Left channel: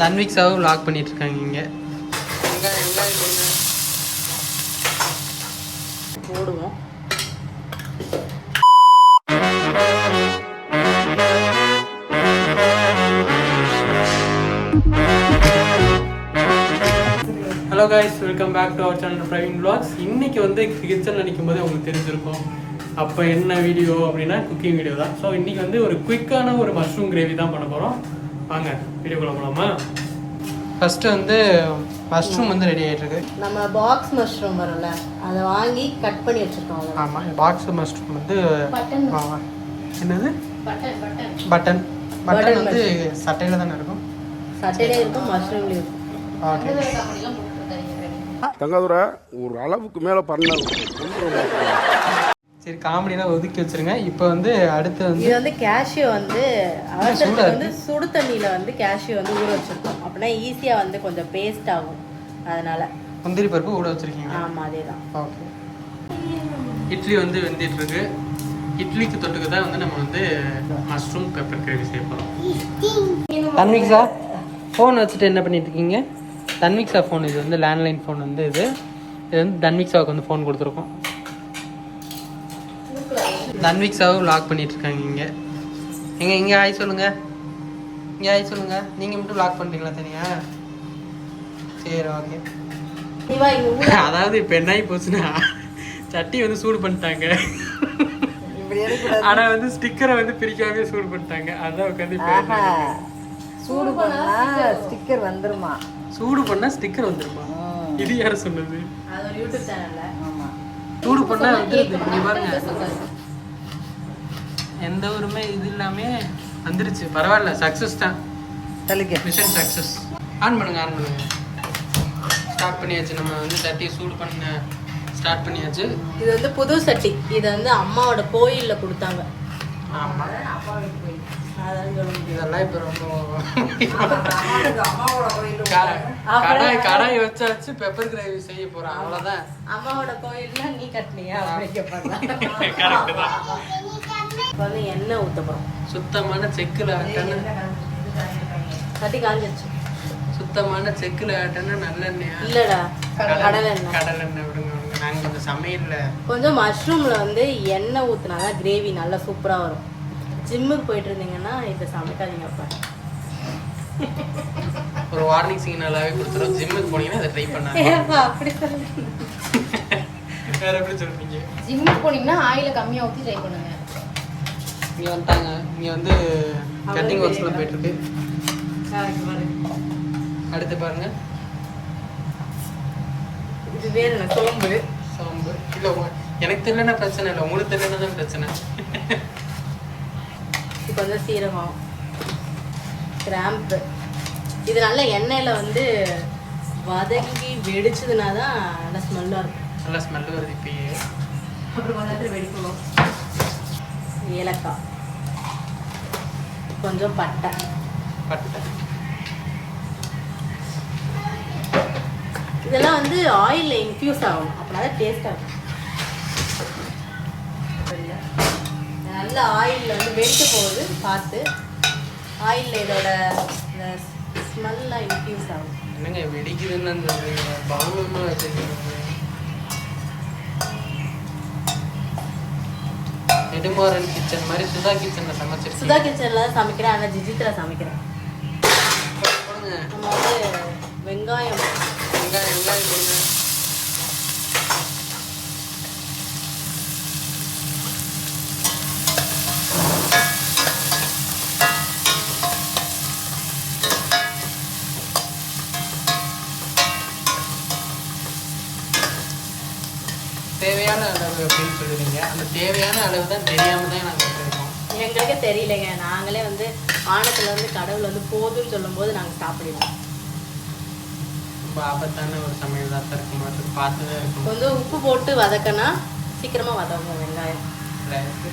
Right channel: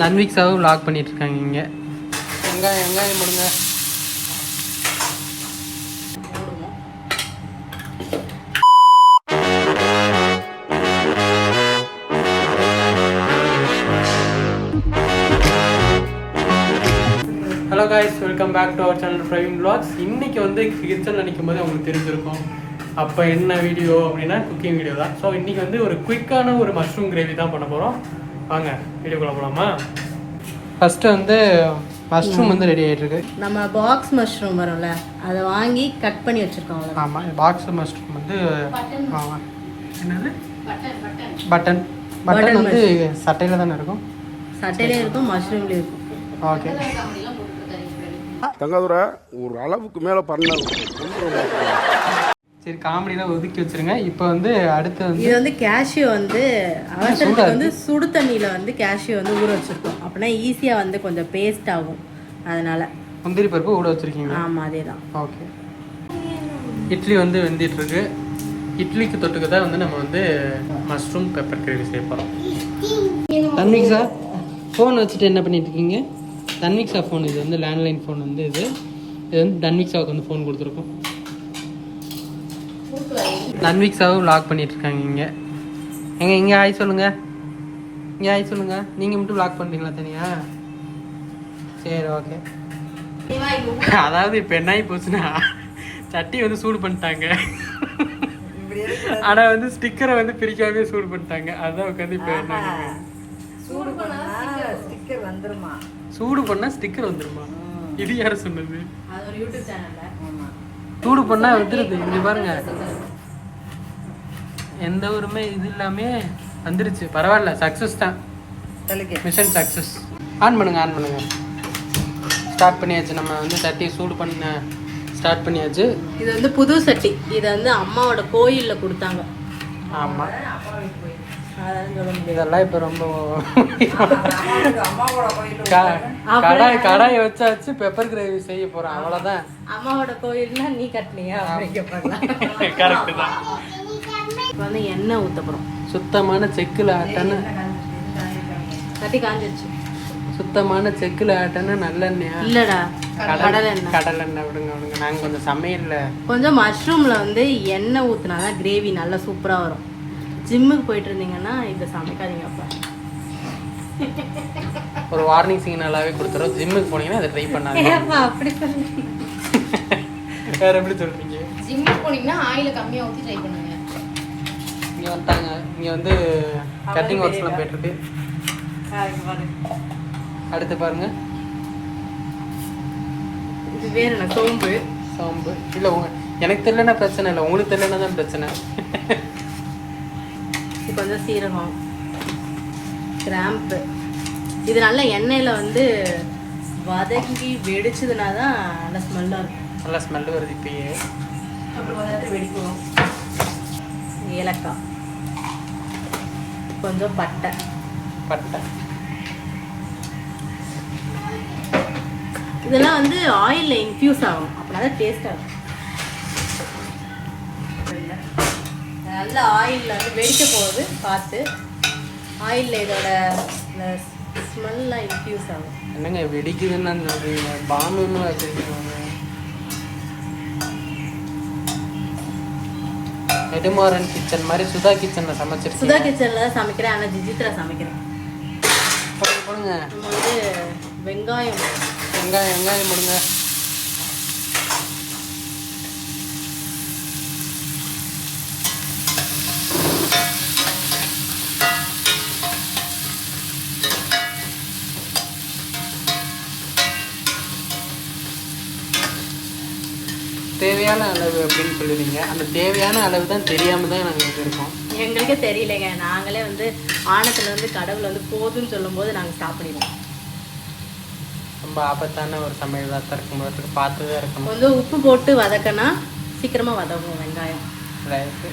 தன்விக்ஸாவும் lock பண்ணிட்டு இருக்காங்க இங்கே. வெங்காயம் முடுங்க போடுவோம். Hello guys, welcome back to our channel Praveen vlogs. இன்னைக்கு வந்து கிச்சன் நினைக்கும் போது உங்களுக்கு தெரிஞ்சிருக்கும் அப்போ என்ன வீடியோ அப்படின்னா குக்கிங் வீடியோ தான். ஸோ இன்னைக்கு வந்து ஒரு குயிக்கான ஒரு மஷ்ரூம் கிரேவி தான் பண்ண போகிறோம். வாங்க வீடியோக்குள்ள போகலாமா? ஃபர்ஸ்ட்டு வந்து மஷ்ரூம் வந்து ரெடி ஆகிட்டு இருக்கு. நம்ம பாக்ஸ் மஷ்ரூம் வரும்ல, அதை வாங்கி கட் பண்ணி வச்சுருக்கோம். ஆமாம், பாக்ஸ் மஷ்ரூம் வந்து என்னது பட்டன் வந்து சட்டையில் தானே இருக்கும். சட்டையிலே இருக்கும், மஷ்ரூம்லேயும் இருக்கும். ஓகே, தங்காதுரை ஒரு அளவுக்கு மேலே பண்ண. சரி, காமெடியெலாம் ஒதுக்கி வச்சிருங்க. இப்போ வந்து அடுத்து வந்து இது வந்து கேஷ்யூ வந்து அவசரத்துக்கு வந்து சுடு தண்ணியில் வந்து கேஷ்யூ வந்து ஊற வச்சுருக்கோம். அப்படின்னா ஈஸியாக வந்து கொஞ்சம் பேஸ்ட் ஆகும், அதனால. முந்திரி பருப்பு ஊற வச்சிருக்கீங்க? ஆமாம், அதே தான். ஓகே. இட்லி வந்து வெந்துட்டு இருக்கு. இட்லிக்கு தொட்டுக்க தான் வந்து நம்ம வந்து மஷ்ரூம் பெப்பர் கிரேவி செய்ய போகிறோம். தன்விக்ஸா ஃபோன் வச்சுட்டு என்ன பண்ணிட்டு இருக்கீங்க? தன்விக்ஸா ஃபோன், இது வந்து லேண்ட்லைன் ஃபோன் வந்து இது வந்து தன்விக்ஸாவுக்கு வந்து ஃபோன் கொடுத்துருக்கோம். தன்விக்ஸாவும் லாக் பண்ணிட்டு இருக்காங்க இங்கே. இங்கே ஆய் சொல்லுங்க, இங்கே ஆய் சொல்லுங்க. நீங்கள் மட்டும் லாக் பண்ணுறீங்களா தனியா? சரி, ஓகே. அதாவது இப்போ என்ன ஆகி போச்சுன்னா, சட்டி வந்து சூடு பண்ணிட்டாங்க. ஆனால் வந்து ஸ்டிக்கரை வந்து பிரிக்காமே சூடு பண்ணிட்டாங்க. அதான் உட்காந்து இப்போ என்ன சூடு பண்ணால் ஸ்டிக்கர் வந்துருமா? சூடு பண்ணால் ஸ்டிக்கர் வந்துருமா? இது யார சொன்னது? சூடு பண்ணால் வந்துடுது. இங்கே பாருங்க, எந்த ஒருமே இது இல்லாமே வந்துருச்சு. பரவாயில்ல, சக்ஸஸ் தான். Mission success. ஆன் பண்ணுங்க. ஸ்டார்ட் பண்ணியாச்சு. நம்ம வந்து சட்டியை சூடு பண்ண ஸ்டார்ட் பண்ணியாச்சு. இது வந்து புது சட்டி. இது வந்து அம்மாவோட கோயிலில் கொடுத்தாங்க. ஆமாம், இதெல்லாம் இப்போ ரொம்ப கடாயை வச்சாச்சு. பெப்பர் கிரேவி செய்ய போகிறோம், அவ்வளோதான். அம்மாவோட கோயில்னா நீ கட்டலையா? கரெக்டு தான். இப்போ வந்து எண்ணெய் ஊற்றணும். சுத்தமான செக்கில் ஆட்டன்னு, சுத்தமான செக்கில் ஆட்டன்னா நல்லெண்ணெயா? இல்லடா, கடலெண்ணெய். விடுங்க. நாங்கள் கொஞ்சம் சமையலில் கொஞ்சம் மஷ்ரூமில் வந்து எண்ணெய் ஊற்றினால கிரேவி நல்லா சூப்பராக வரும். ஜிம்முக்கு போயிட்டு இருந்தீங்கன்னா இதை சமைக்காதீங்க. ஒரு வார்னிங் சிக்னலாகவே கொடுத்துரும். ஜிம்முக்கு போனீங்கன்னா இதை ட்ரை பண்ணாதீங்க. அப்படி வேற எப்படி சொல்றீங்க? ஜிம்முக்கு போனீங்கன்னா ஆயில கம்மியாக ஊற்றி ட்ரை பண்ணுங்க. இங்கே வந்துட்டாங்க. இங்கே வந்து கட்டிங் ஒர்க்ஸ்லாம் போயிட்டுருக்கு. அடுத்து பாருங்க, இது வேறு சோம்பு. இல்லை, எனக்கு தெரியலன்னா பிரச்சனை இல்லை, உங்களுக்கு தெரியலன்னா தான் பிரச்சனை. இப்போ வந்து சீரகம், கிராம்பு. இது நல்ல எண்ணெயில் வந்து வதக்கி வெடிச்சதுனா தான் நல்ல ஸ்மெல்லாக இருக்கும். நல்லா ஸ்மெல் வருது இப்பயே. அப்புறம் பார்த்து வெடிக்கும். ஏலக்காய், கொஞ்சம் பட்டை. இதெல்லாம் வந்து ஆயிலில் இன்ஃபியூஸ் ஆகும், அப்படின்னா டேஸ்டாக இருக்கும். நல்ல ஆயிலில் வந்து வெடிக்க போகுது பார்த்து. ஆயிலில் இதோட ஸ்மெல்லாம் இன்ஃபியூஸ் ஆகும். என்னங்க வெடிக்குதுன்னு சொல்றீங்க? பாம்புன்னு வச்சுருக்கீங்க. நெடுமாறன் கிச்சன் மாதிரி சுதா கிச்சன்ல சமைச்சிருக்கீங்க. சுதா கிச்சன்ல சமைக்கிறேன், ஆனால் ஜிஜித்ரா சமைக்கிறேன். போடுங்க. வெங்காயம் முடுங்க. தேவையான அளவு அப்படின்னு சொல்லுவீங்க. அந்த தேவையான அளவு தான் தெரியாம தான் நாங்கள் இருக்கோம். எங்களுக்கு தெரியலைங்க. நாங்களே வந்து ஆனத்துல வந்து கடவுள் வந்து போதுன்னு சொல்லும் போது நாங்கள் சாப்பிடுவோம். ரொம்ப ஆபத்தான ஒரு சமையல் தான் இருக்கும் போது பார்த்து தான் இருக்கணும். கொஞ்சம் உப்பு போட்டு வதக்கினா சீக்கிரமாக வதக்கணும் வெங்காயம். ரைட்டு.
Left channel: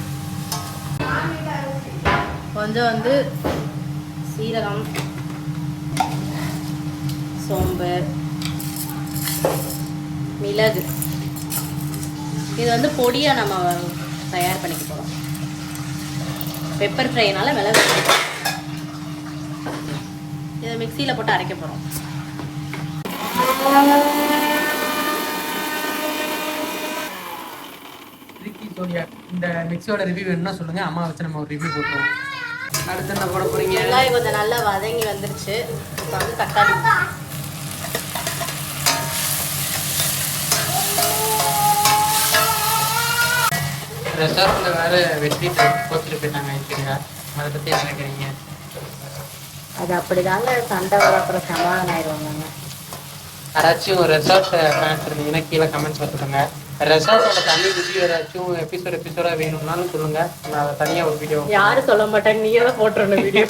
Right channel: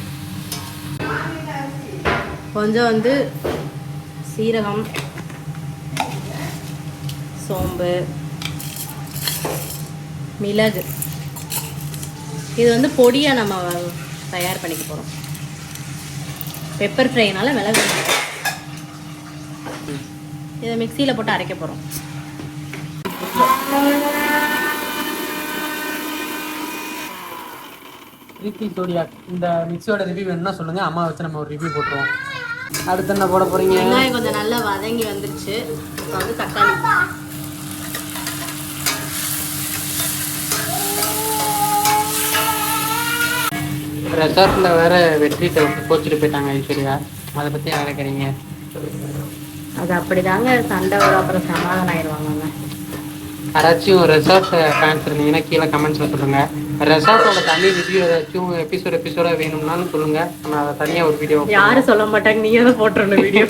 கொஞ்சம் வந்து சீரகம், சோம்பு, மிளகு. இது வந்து பொடியாக நம்ம தயார் பண்ணிக்க போகிறோம். பெப்பர் ஃப்ரைனால மிளகு இதை மிக்ஸ் மிக்சியில போட்டு அரைக்க போறோம். இந்த மிக்ஸியோட ரிவ்யூ வேணும்னா சொல்லுங்க, அம்மா வச்சு நம்ம ஒரு ரிவ்யூ போட்டுருவோம். அடுத்து என்ன போட போறீங்க? வெங்காயம் கொஞ்சம் நல்லா வதங்கி வந்துருச்சு. வந்து தக்காளி ரெசார்ட்ல வேற வெற்றி போச்சுட்டு போயிட்டாங்க ஐஸ்வர்யா. அதை பத்தி என்ன நினைக்கிறீங்க? அது அப்படிதாங்க சண்டை வரும், அப்புறம் சமாதானம் ஆயிடுவாங்க. யாராச்சும் ரெசார்ட் ஃபேன்ஸ் இருந்தீங்கன்னா கீழே கமெண்ட்ஸ்ல சொல்லுங்க. ரெசார்ட்டோட தனி ரிவ்யூ ஏதாச்சும் எபிசோடா வேணும்னாலும் சொல்லுங்க, நான் அதை தனியா ஒரு வீடியோ. யாரும் சொல்ல மாட்டாங்க, நீங்க தான் போட்டுருந்த வீடியோ.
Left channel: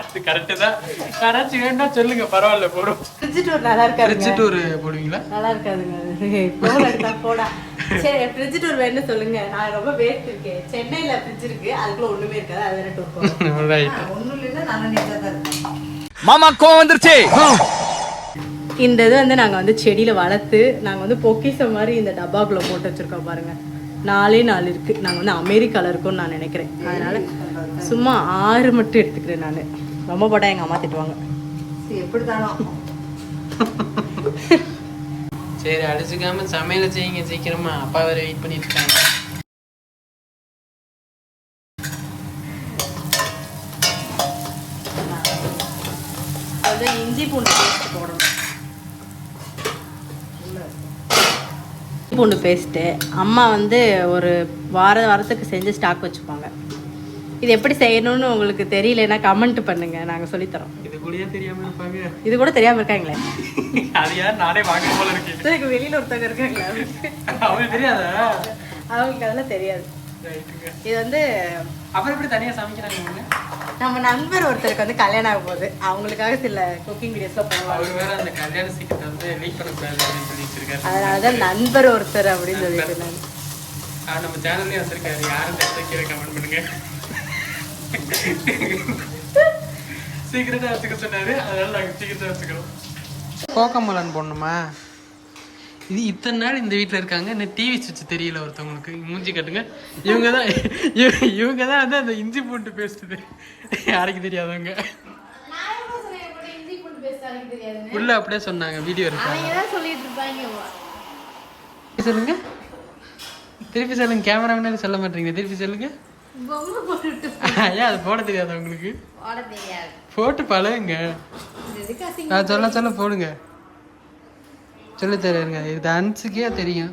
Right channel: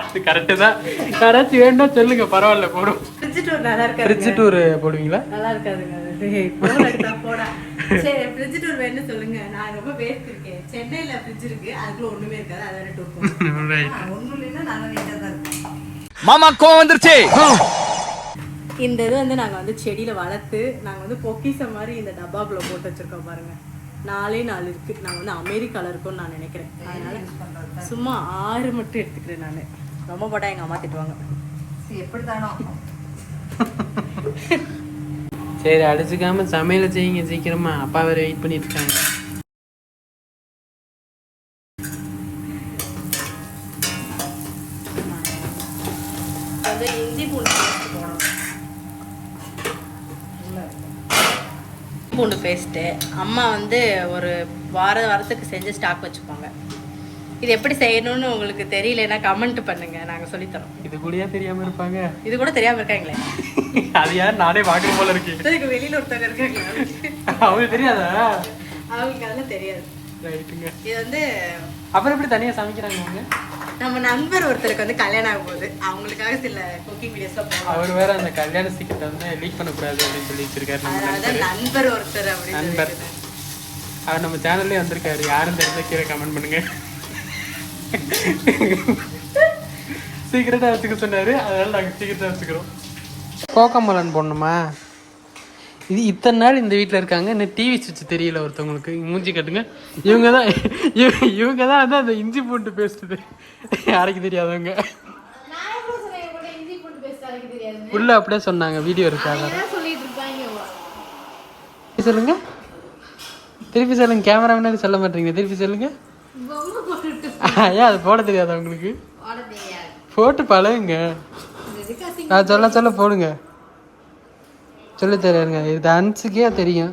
அது கரெக்டு தான். யாராச்சும் வேணும்னா சொல்லுங்க, பரவாயில்ல போடும். ஃப்ரிட்ஜ் டூர் நல்லா இருக்காது. ஃப்ரிட்ஜ் டூர் போடுவீங்களா? நல்லா இருக்காதுங்க. போடா சரி, ஃப்ரிட்ஜ் டூர் வேணும்னு சொல்லுங்க. நான் ரொம்ப வேஸ்ட் இருக்கேன். சென்னையில ஃப்ரிட்ஜ் இருக்கு, அதுக்குள்ள ஒண்ணுமே இருக்காது. அது வேற டூர் போறோம். ரைட். ஒண்ணும் இல்லைன்னா நாங்க நீட்டா தான் இருக்கோம். மாமா கோவம் வந்துருச்சு. இந்த இது வந்து நாங்க வந்து செடியில வளர்த்து நாங்க வந்து பொக்கிஷம் மாதிரி இந்த டப்பாக்குள்ள போட்டு வச்சிருக்கோம் பாருங்க. 4 இருக்கு. நாங்க வந்து அமெரிக்கால இருக்கோம்னு நான் நினைக்கிறேன். அதனால சும்மா 6 மட்டும் எடுத்துக்கிறேன் நான். ரொம்ப போட்டா எங்க அம்மா திட்டுவாங்க. எப்படித்தானோ. சரி, அடிச்சுக்காம சமையல செய்யுங்க சீக்கிரமா, அப்பா வேற வெயிட் பண்ணிட்டு இருக்காங்க. இஞ்சி பூண்டு பேஸ்ட் போடணும். பூண்டு பேஸ்ட்டு அம்மா வந்து ஒரு வாரத்துக்கு செஞ்சு ஸ்டாக் வச்சுப்பாங்க. இது எப்படி செய்யணும்னு உங்களுக்கு தெரியலன்னா கமெண்ட் பண்ணுங்க, நாங்க சொல்லித்தரோம். இது கூடயா தெரியாம இருப்பாங்க? இது கூட தெரியாம இருக்காங்களே. அது யார், நானே பார்க்க போல இருக்கு. எனக்கு வெளியில ஒருத்தவங்க இருக்காங்களா, அவங்களுக்கு தெரியாதா? அவங்களுக்கு அதெல்லாம் தெரியாது. ரைட்டுங்க. இது வந்து அப்புறம் எப்படி தனியா சமைக்கிறாங்க அவங்க? நம்ம நண்பர் ஒருத்தருக்கு வந்து கல்யாணம் ஆகும் போது அவங்களுக்காக சில குக்கிங் வீடியோஸ் பண்ணுவாங்க. அவர் வேற அந்த கல்யாண சீக்கிரத்தை வந்து லீக் பண்ணக்கூடாது அப்படின்னு சொல்லி வச்சிருக்காரு. அதனாலதான் நண்பர் ஒருத்தர் அப்படின்னு நண்பர் அவர் நம்ம சேனல்லே வந்திருக்காரு. யாரும் தெரிஞ்ச கீழே கமெண்ட் பண்ணுங்க. சீக்கிரட்டா வச்சுக்க சொன்னாரு, அதனால நாங்க சீக்கிரட்டா வச்சுக்கிறோம். கோகமலன் போடணுமா? இது இத்தனை நாள் இந்த வீட்டில் இருக்காங்க, இன்னும் டிவி சுவிட்ச் தெரியல ஒருத்தவங்களுக்கு. மூஞ்சி கட்டுங்க. இவங்க தான் வந்து அந்த இஞ்சி பூண்டு பேசுது யாருக்கு தெரியாதவங்க. உள்ள அப்படியே சொன்னாங்க, வீடியோ இருக்காங்க. சொல்லுங்க, திருப்பி சொல்லுங்க. கேமரா முன்னாடி சொல்ல மாட்டீங்க, திருப்பி சொல்லுங்க. ஏன் அது போட தெரியாதா உங்களுக்கு? போட்டு பழகுங்க. நான் சொல்ல போடுங்க. சொல்லி தருங்க. இது அன்சுக்கே தெரியும்.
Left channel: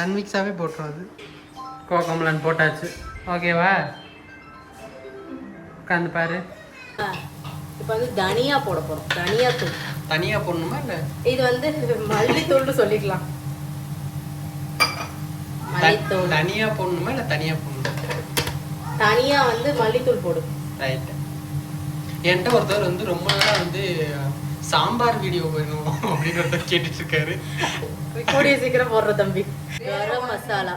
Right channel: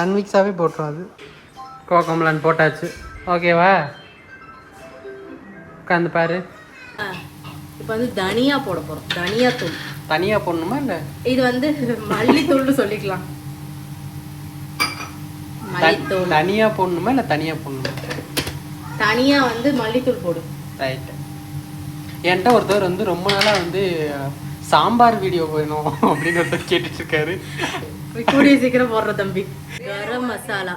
அன்மிக்ஸாவே போட்டுரும். அது கோகமலன் போட்டாச்சு. ஓகேவா? உட்காந்து பாரு. இப்போ வந்து தனியா போட போறோம். தனியா தூள் தனியா போடணுமா இல்ல இது வந்து மல்லித்தூள்னு சொல்லிக்கலாம். தனியா போடணுமா இல்ல தனியா போடணுமா? தனியா வந்து மல்லித்தூள் போடு. ரைட். என்கிட்ட ஒருத்தவர் வந்து ரொம்ப நாளா வந்து சாம்பார் வீடியோ வேணும் அப்படின்னு ஒருத்தர் கேட்டுட்டு இருக்காரு. கூடிய சீக்கிரம் போடுற தம்பி. கரம் மசாலா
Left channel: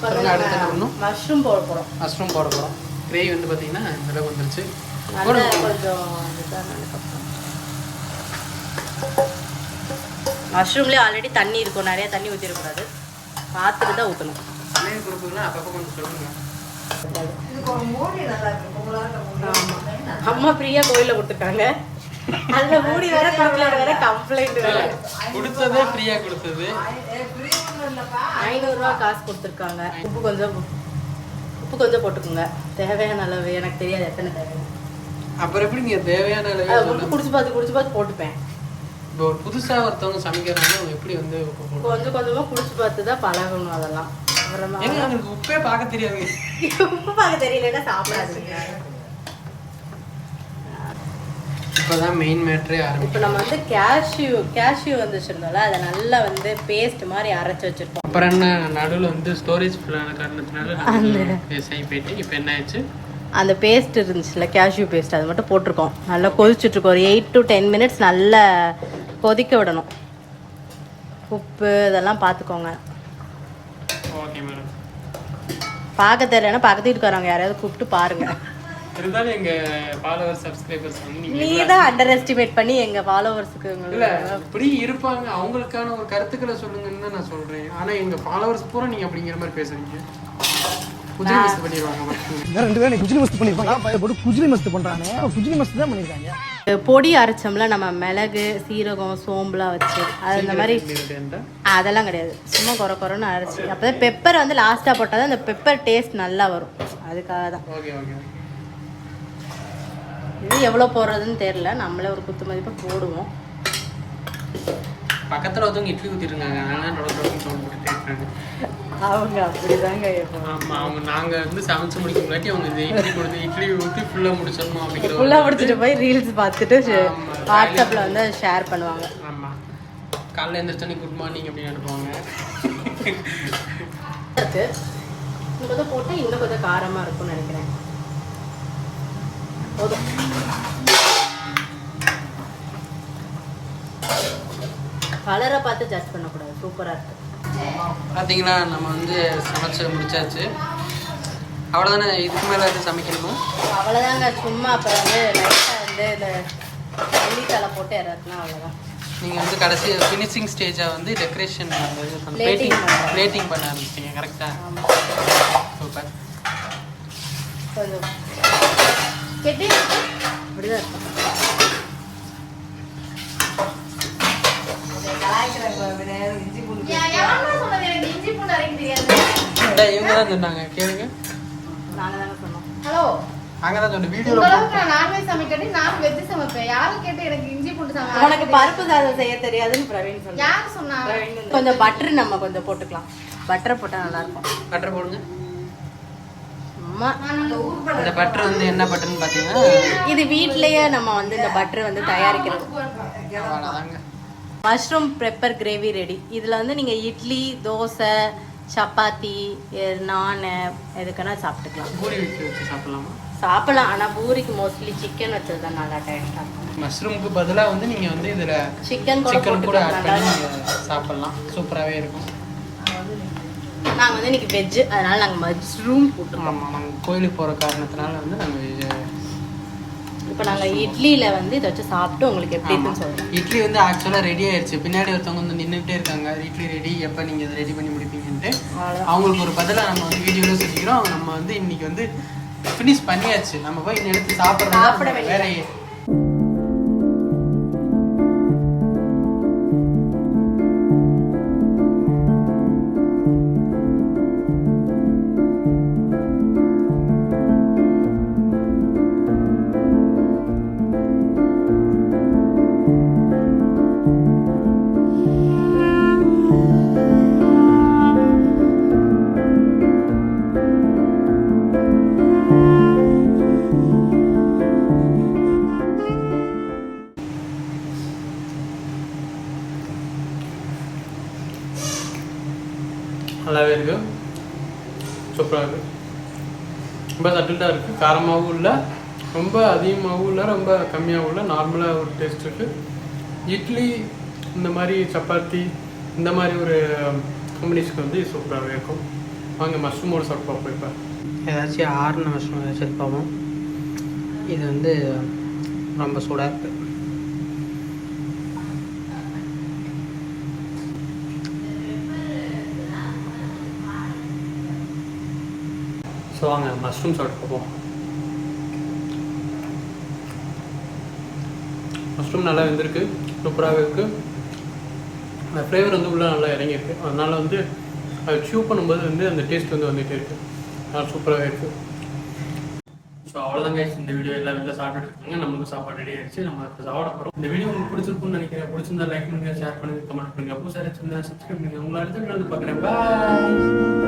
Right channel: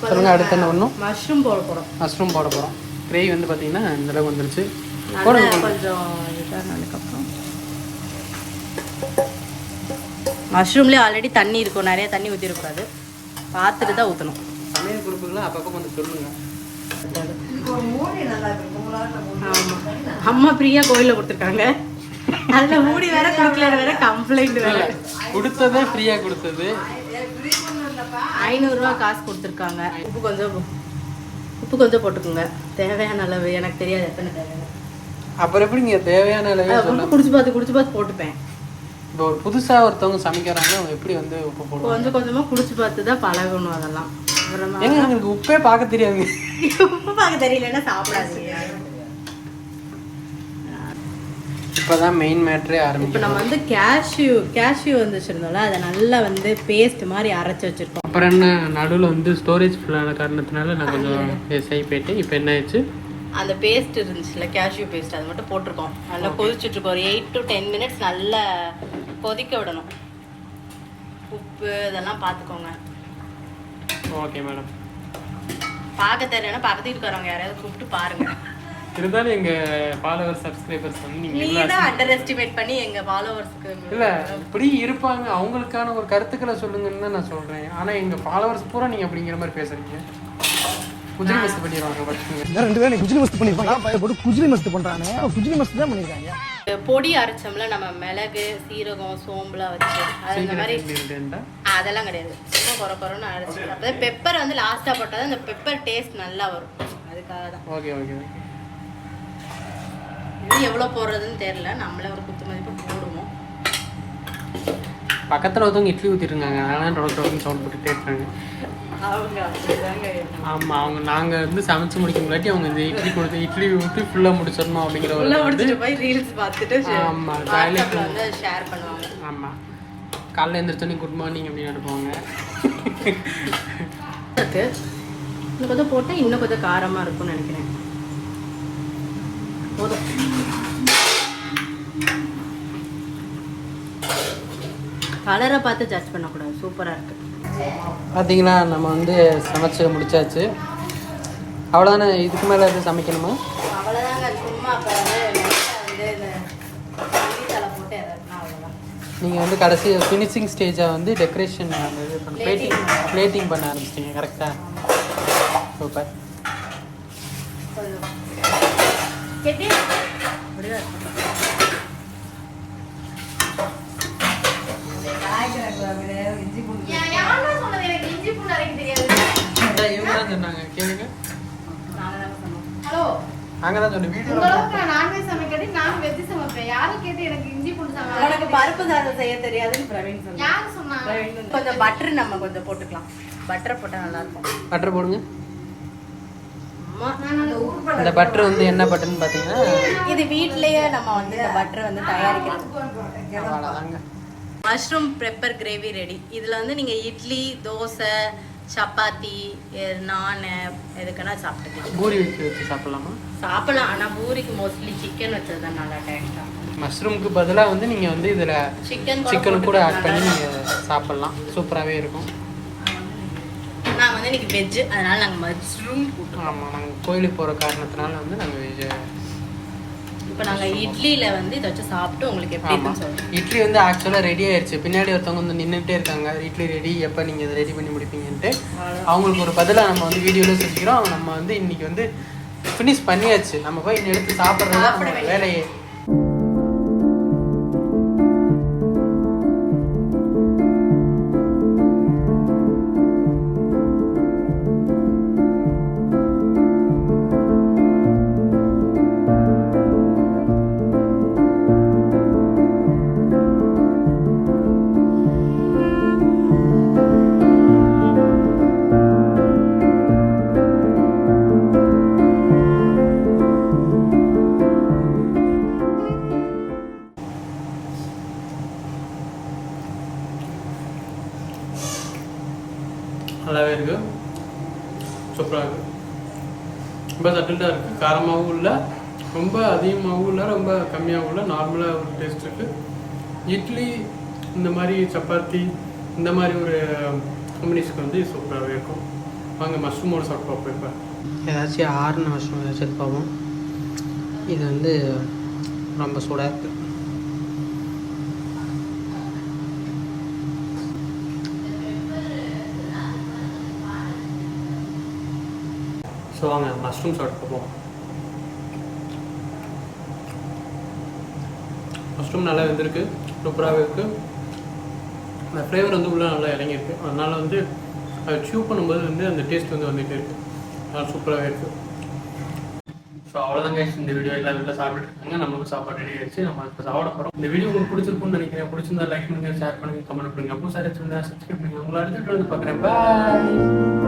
சொல்லுங்க. அடுத்து என்ன பண்ணணும்? மஷ்ரூம் போட போறோம். மஷ்ரூம் போட போறோம். கிரேவி வந்து பாத்தீங்கன்னா இந்த அளவுக்கு வந்துருச்சு. போடுங்க. மஷ்ரூம்லேயே ஆல்ரெடி தண்ணி இருக்கும், நிறைய தண்ணி ஊற்றிருக்கூடாது, பார்த்துட்டு தான் ஊற்றணும். சமையல் குறிப்புகள்லாம் அப்பப்போ கொஞ்சம் சொல்லுங்க. அம்மா பிரியா கோயிலில் கொடுத்துருக்காங்க, அதில் மூடி வேற கொடுக்கல, வேற கம்ப்ளைண்ட் வேற. கொடுத்ததே ஃப்ரீயா கொடுத்தது. 500 ரூபா காசு கொடுத்துருக்காங்க. உப்பு கொஞ்சம் போட்டுக்கோங்க, தேவையான அளவு. எனக்கு தெரியாது எத்தனை தேவை. அப்புறம் எப்படி நீங்க தேவையான அளவே சொல்ல? குடிச்சு பார்த்து போட்டுப்பேன். இப்போ ஒரு புதுசா ஒருத்தவங்க சமைக்கிறாங்க, அவங்க எப்படி வந்து உப்பு போடுவாங்க? கொஞ்சம் கொஞ்சமா குடிச்சு பார்த்து தான் பழகணும். அதெல்லாம் ஏங்க எங்களுக்கு உப்பே பார்க்க தெரியாது. உப்பு பார்க்க தெரியலன்னா சாப்பிடாதீங்க. இப்பதான் மெயின் மேட்டரே ஆரம்பிக்கும். நம்ம வந்து கேஷ்யூ வந்து சொல்றோம்ல, அதை நல்லா வந்து பேஸ்ட் மாதிரி அரைச்சு வச்சிருக்கோம். அப்புறம் என்ன, நடுவில் வந்து ஸ்டோரேஜ் ஃபுல்லான காரணத்தினால நாங்கள் சை போயிட்டு இப்போ என்ன ஆயிடுச்சு, அந்த பேஸ்ட் இருந்துச்சுல, கேஷ்யூ பேஸ்ட், அதை மட்டும் போட்டிருக்கோம். நல்லா கொதிச்சுட்டு இருக்கோம். ஒரு 8 to 10 minutes நல்லா கொதிக்க விடணும். உப்பு இதெல்லாம் பார்த்துக்கோங்க. Okay madam. பார்க்க தெரியலன்னா பக்கத்து வீட்டுக்காரங்க யாராவது கூப்பிட்டு பாருங்க. இருந்தாலும் எங்க ஃபாலோவர்ஸ் சப்ஸ்கிரைபர்ஸ் வந்து நீங்க தான் அண்டர் எஸ்டிமேட் பண்ணி எங்க ஃபாலோவர்ஸ்க்கு இல்ல இப்படி இருப்பாங்க, அவங்களுக்கான ஒரு கருத்துக்களை சொல்லுங்கன்னு நான் சொல்றேன். ஆனா எங்க ஃபாலோவர்ஸ் பூரா நீங்க அப்படிங்கிற மாதிரி பேசுறீங்க. குஜிலி மஸ்து பண்ணிடுவாங்க பார்த்துக்கோங்க. இந்த 2 பேரும் குஜிலி மஸ்து பண்ணிருப்பாங்க. பைய போட்டு குஜிலி மஸ்து பண்றானே. குஜிலி மஸ்து தான் பண்ணிருக்காங்க. பொடி அரைச்சோம்ல நம்ம மிளகு சீரகம் சோம்புலாம் வச்சு அது இந்த மாதிரி அதெல்லாம் கிடையாது. சும்மா குறைன்னு அரைச்சி அப்பதான் பெப்பர் வந்து லாஸ்டா போட்டாதான் அந்த பெப்பர் டேஸ்ட் நல்லா வரும். அதுக்காக தான். Okay okay okay. இது எவ்வளோ போடுறதுன்னு தெரியல. நம்மளே ஒரு குத்து மதிப்பு போடுவோம். பக்கத்தில் ஒருத்தவங்க இட்லி ஊற்றிருந்தாங்க. அதனால நோட்டு சவுண்ட் போட்டு கேட்டுருங்க. அவங்க அப்படிதாங்க. ஆமாம், அவங்க நாங்கள் வந்து சமைச்சு முடிக்க முன்னாடி அவங்க இந்த இட்லி கொடுத்து இட்லி ஊற்றி ஃபுல்லாக முடிச்சிடணும் அப்படிங்கிற ஒரு ஃபுல்லாக முடிச்சுட்டு போய் ரீல்ஸ் பார்த்துட்டு ஆமாம் வாட்ஸ்அப்பில் வந்து ஷேர் பண்ணுவாங்க. ஆமாம், காலைல எழுந்திரிச்சோன்னே குட் மார்னிங் அப்படின்னு அனுப்புவாங்க. இன்னும் கொஞ்சம் போட்டு இன்னும் கொஞ்சம் காரமாக இருக்கும்னு நினைக்கிறேன். போதும். கலரை பார்த்து ஜட்ஜ் பண்ணக்கூடாது. சூப்பராக இருக்கு. பார்த்தீங்களா, நம்ம வந்து சமைச்சு முடிச்சாச்சு. அவ்வளோதானே, இதுக்கு மேலே எதுவும் சமைக்கணுமா? அவ்வளோதாங்க. சும்மா அப்போ வந்து லைட்டாக வந்து இந்த மல்லித்தலை போட்டு இறக்குனா அவ்வளோதான். நீங்கள் வந்து கடைசி ஃபினிஷிங் ஸ்டேஜாக வந்து டெக்கரேஷன் அந்த இது பண்ண பிளேட்டிங் பண்ண ஆரம்பிச்சிட்டிங்க. கரெக்டாக? சூப்பர். கொஞ்சம் அப்படிதான் இவங்க தான் சொன்னாங்க, கேளுங்க. நாங்கள் தான் சொன்னோம் வீடியோவில். உனக்கு பருப்பு சாதம் செய்ய தெரியாதுன்னு பிரவீன் சொன்னாங்க. கொஞ்சம் பட்டர் நம்ம கொஞ்சம் போட்டுக்கலாம். பட்டர் போட்டால் நல்லா இருக்கும். பட்டர் போடுங்க. அம்மா இந்த பட்டர் வந்து என்ன பட்டர்னு பார்த்தீங்கன்னா, இது வீட்லயே நம்ம வந்து இந்த பட்டர் வந்து தயாரிக்கிறோம். அவ்வளோதாங்க. Mushroom pepper gravy ready. இதில் வந்து நீங்கள் இட்லி தோசை சப்பாத்தி நான் எதுக்குன்னா சாப்பிட்டுக்கலாம். பூரி வச்சு சாப்பிட்லாமா? சாப்பிடலாம். ஆனால் பூரிக்கு மோஸ்ட்லி சிக்கன் வச்சது தான் நல்லா டேஸ்டாக இருக்கும். மஷ்ரூமுக்கு பதிலாக வந்து நீங்கள் வந்து இதில் சிக்கன் கூட ஆட் பண்ணி நீங்கள் சாப்பிட்லாம். சூப்பராகவே இருக்கும். நாங்கள் வந்து இன்னைக்கு வெஜ்ஜு, அதனால் நாங்கள் மஷ்ரூம் போட்டோம். ஆமாம், நாங்கள் கோயிலுக்கு போகிற காரணத்தினால வந்து நாங்கள் இப்போ நாங்கள் இட்லியில் வந்து இதை வச்சு சாப்பிட்டு உங்களுக்கு எப்படி சொல்லுவோம். இட்லி வந்து ஆக்சுவலாக ரெடி ஆயிடுச்சு. பின்னாடி ஒருத்தவங்க வந்து நின்றுட்டே இருக்காங்க, இட்லி ரெடி, எப்போ நீங்கள் இதை ரெடி பண்ணி முடிப்பீங்கன்ட்டு. அவங்களுக்கு ஒரு பதிலாக நம்ம வந்து வீடியோவில் செஞ்சுக்கிறோம். நம்ம வந்து இன்னைக்கு வந்து ஃபினிஷ் பண்ணியாச்சு. நம்ம போய் இந்த எடுத்து சாப்பிட்றது தான் நம்மளோட வேலையே. நல்லாவே இருக்குது. சூப்பராக இருக்குது. ரொம்ப சட்டில்டாக இருக்குது. காரமாகவும் இல்லை, ரொம்ப அதிகமாகவும் இல்லை, ரொம்ப கம்மியாகவும் இல்லை. நார்மலாக ஒரு டேஸ்ட் இருக்குது. இட்லி இந்த மாதிரி சப்பாத்தி இந்த மாதிரி ஒரு காம்பினேஷன் வந்து சூப்பராகவே இருக்கும். வாங்க மஷ்ரூமோடு சாப்பிட்டு பார்ப்போம். இப்போ ஏதாச்சும் ஆறுன மஷ்ரூம் ஏதாச்சும் பார்ப்போம். இது வந்து ரொம்ப சூடாக இருக்குது. ஸோ வாங்க மஷ்ரூம் சாப்பிட்டு பார்ப்போம். மஷ்ரூம் நல்லா வெந்திருக்கு, சூப்பராகவே இருக்குது. அந்த ஃப்ளேவர் வந்து உள்ளே நல்லா இறங்கியிருக்கு. அதனால் வந்து அதை சூ பண்ணும்போது வந்து அந்த டேஸ்ட் வந்து வந்துகிட்டே இருக்குது. நல்லா சூப்பராகவே இருக்குது. ஸோ அவ்வளோதாங்க. இந்த வீடியோ எல்லாம் வீட்டில் சாப்பிட்டுருக்காங்க. நம்மளுக்கும் சாப்பாடு ரெடி ஆயிடுச்சு. நம்ம இப்போ சாப்பிட போகிறோம். இந்த வீடியோ உங்களுக்கு பிடிச்சிருக்குன்னு நினைக்கிறேன். பிடிச்சிருந்தா லைக் பண்ணுங்கள், ஷேர் பண்ணுங்கள், கமெண்ட் பண்ணுங்கள். அப்போ சார் சப்ஸ்கிரைப் பண்ணுங்கள். உங்களை அடுத்த வீடியோ வந்து பார்க்குறேன். பாய்.